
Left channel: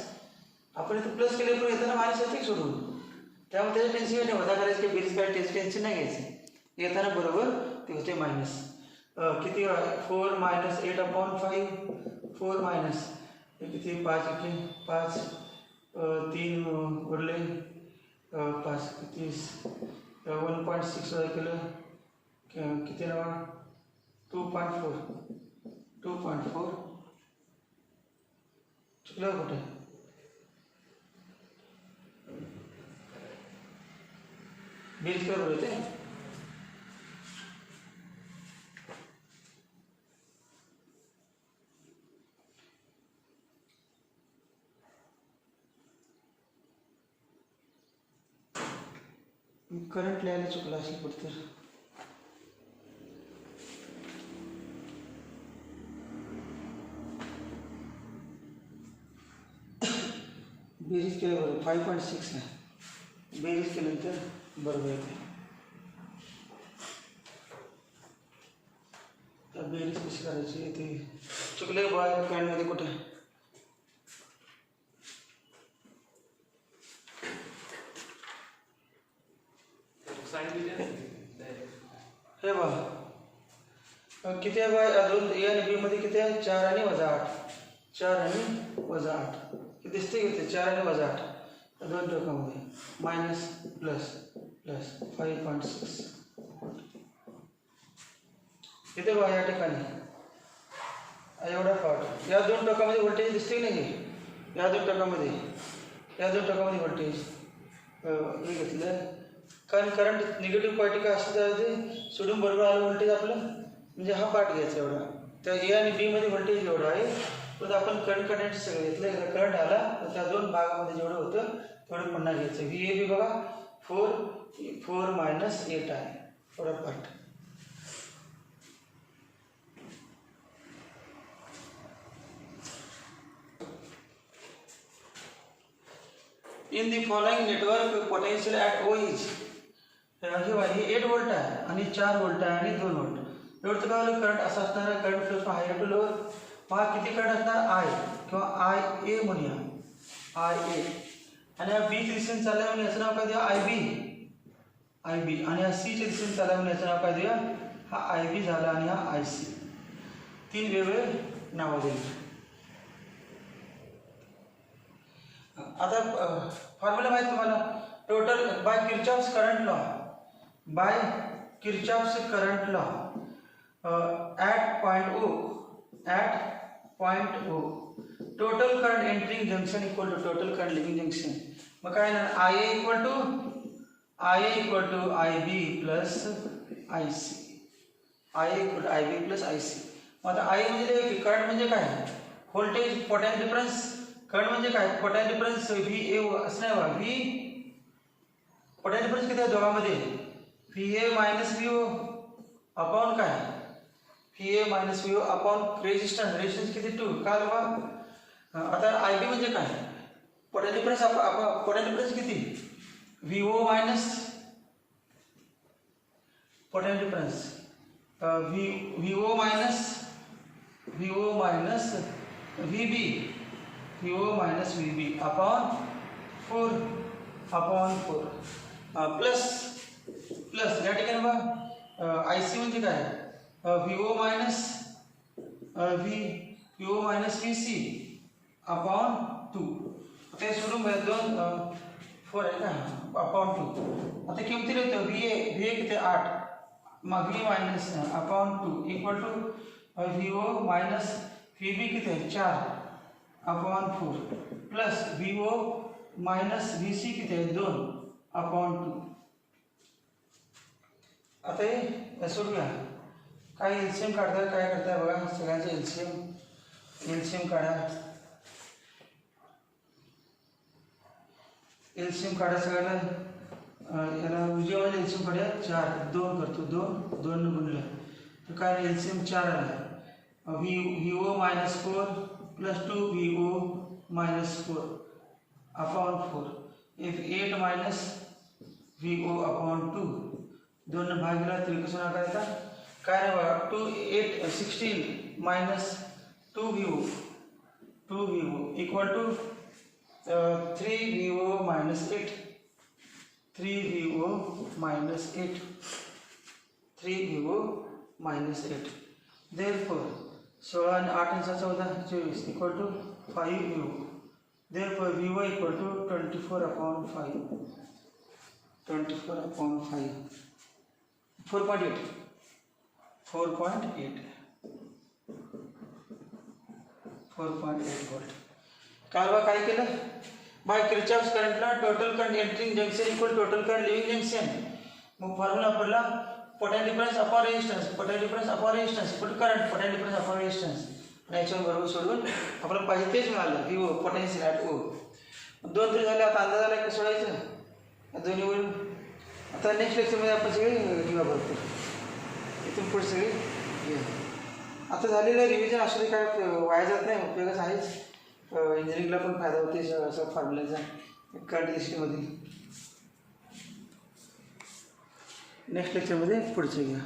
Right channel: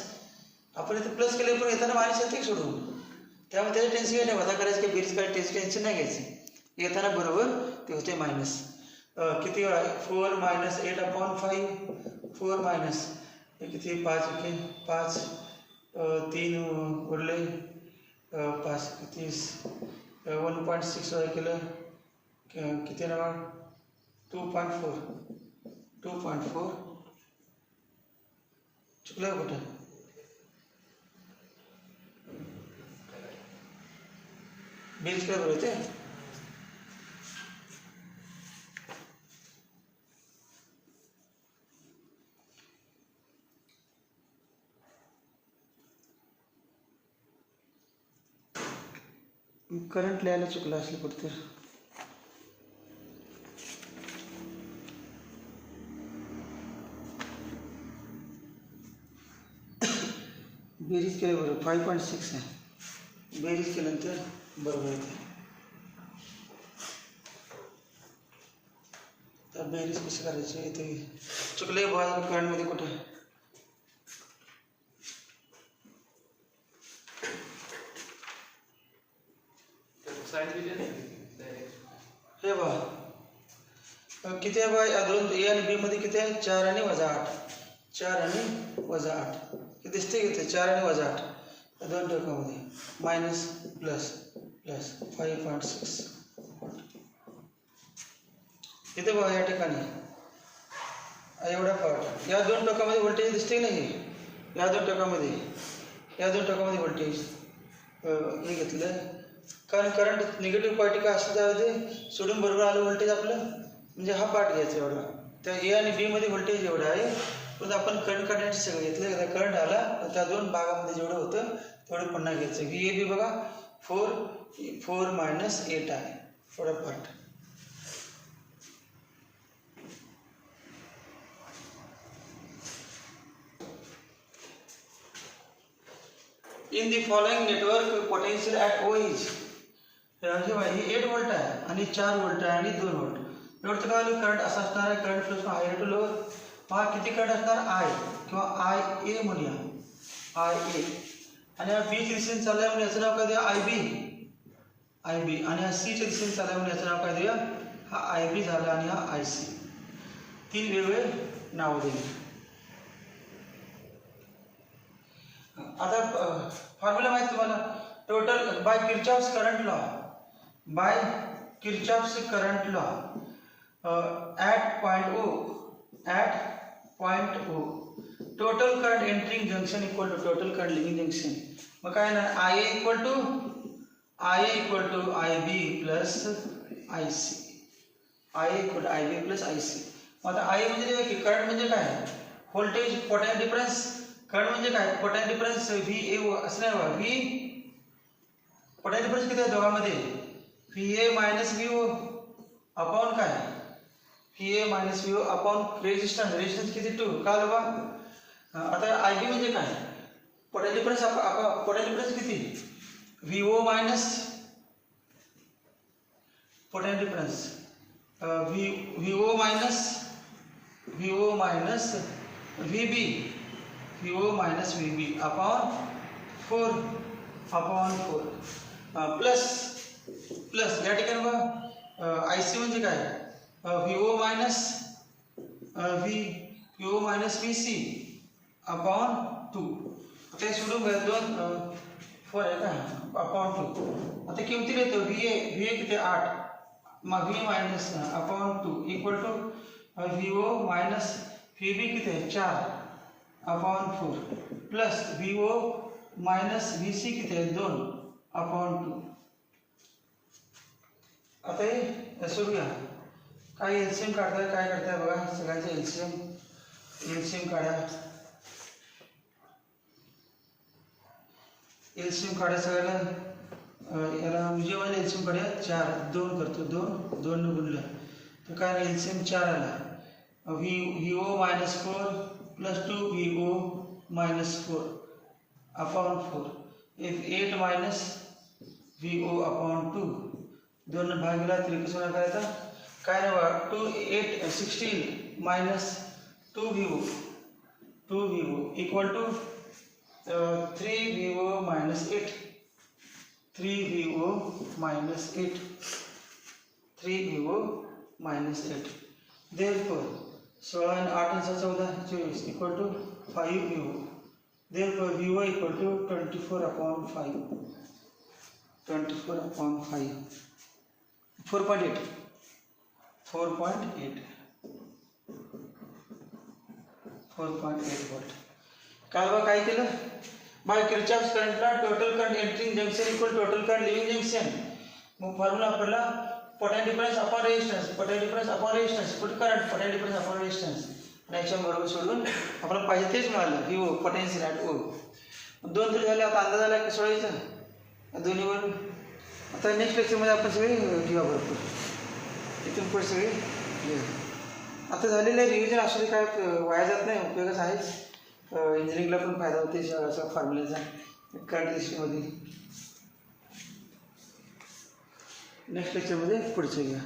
आपण इथं प्लस केले पण येताना मायनस येते सोडून. त्यामुळे त्याचं टेन्शन नाही वजा करायचं की बेरीज करायचं टेन्शन नाही घ्यायचं. येताना बरोबर ते होते मायनस किती 4 - 8/5 4 मायनस किती 5 × 5 3 उरले 5 किती 1.6 केलं किती ना 2.4 चुकलं कुठं बेरीज काय बरोबर होते. करंट लिहायला चुकलं असलं कुठं तर बेरीज केलं बरोबर 5.6 आहे. बेरीज केल्यानंतर बरोबर येते. तर बेरीज कशी करायची ते चुकले बघा करंटमध्ये कुठं हे बघा किती आहे बा दोन ए आणि बी मध्ये किती आहे 4 आणि वजा 8 4 आणि वजा 8 हे दिसते किती 4 आणि वजा 8 दोन टोकामध्ये मायनस प्लस 5.6 इथे बघा या ठिकाणी एवढा पार्ट या दोन टोकामध्ये व्होल्टेज दिसते नाही. या दोन टोकामध्ये व्होल्टेज हे घेतलं कारण करंट निगेटिव्ह पार्टी काय असं त्यामध्ये सोडून बरोबर आलं व्होल्टेज आपलं म्हणजे हा पार्ट घ्यायचा एवढा. त्या ए आणि बी मध्ये व्होल्टेज एवढं आहे पण आपण करंट काढण्याचं सगळं घेतलं. एकदा करंट आला तर त्या दोन भागामध्ये जेवढं होतं तेवढं पुन्हा घ्यायचं. व्ही ए बी बघा 4 - 8 आहे थोडा part. In the following network potential at O is हे 8 व्होल्ट आहे आणि 4 व्होल्ट आहे आणि 2 व्होल्ट. एवढं काय आलं करंट असा असणार आहे current flow higher to lower. पहा किती करंट असणार आय किंवा IA म्हणूया IA आणि या बी च्या दिशेने चालला म्हणून याचं नाव काय देऊया IB आणि या सी च्या दिशेने चालला म्हणून याचं नाव काय देऊया हा IB झाला आणि हा IC. 3 वेगवेगळे नावं दिली. आता फॉर्म्युला माहिती तुम्हाला total by Kirchhoff's current law at point O total current entering junction equal to total current leaving junction. मग काय ना IA equal to IB plus IC. मग आता I म्हणजे करंट म्हणजे काय व्होल्टेज पोटेन्शियल डिफरन्स. करंट म्हणजे काय पोटेन्शियल डिफरन्स VA असं नाही बघा V पोटेन्शियल डिफरन्स किती आहे दोघांमध्ये VA - VO अपॉन काय VA - VO अपॉन रेजिस्टन्स किती 2 का बघा. आता IB म्हणजे काय पोटेन्शियल डिफरन्स किती VO minus potential difference VO minus VB upon 4 plus या ठिकाणी बघा आय सी म्हणजे काय V O minus V O minus V C upon 2. आता हे सोडून घ्या 2 4 आहे का अपॉन 2. आता किमती येतो व्ही ए किती 8 मग V minus upon 2 equal to V O minus V B किती आहे 4 upon 4 plus V O minus V C किती आहे 2 अपॉन 2. आता हे सोडूया. काय एलसीएम काढताय काय करताय बघा सगळ्यांचे एलसीएम काढा. एलसीएम काढा सगळ्यांना. याला उजवीवाले एलसीएम काढूया 4 2 करतो 2 ने गुणलं तर काय एलसीएम 4 आला. V O minus 4 plus 2 V O minus 4 upon 4 if 8 minus V O upon 2 2 भाग गेला तरी कसं होणार करायचा काय नाही बघा 2 8 16 minus 2 V O equal to 3 V O minus 8 3 V O minus 8 3 V O minus 8. Therefore 16 आणि 8 आणि 14 24 equal to 5 V O. Therefore V O equal to 24 upon 5 24 upon 5 4.8 volt. काल बघा काय केलं बाय किर्चॉफ्स करंटला total current entering junction equal total current leaving junction. मग formula वापरला potential difference upon resistance current potential difference upon resistance. आणि याच्या बरोबर सोडून आपल्याला पाहिजे तेच मिळालं व्ही ओ पोटेन्शियल ॲट ओ. 2 तरी झाले. आता अंदाज आला कसं सोडायचं दोन्हीवर. आता नेक्स्ट लेक्चरमध्ये आपण सगळे घेऊया भरपूर इथून पुढे सगळे घेऊ. आता झालेलं आहे रिव्हिजन असं काय वाया जात नाही उपयोगच आहेच. इंजिनिअरिंगला पण फायदा होते असा फॉर्म्युलाचा करंट हिस्ट्रीमध्ये. नेक्स्ट लेक्चरमध्ये पुढचे घ्या.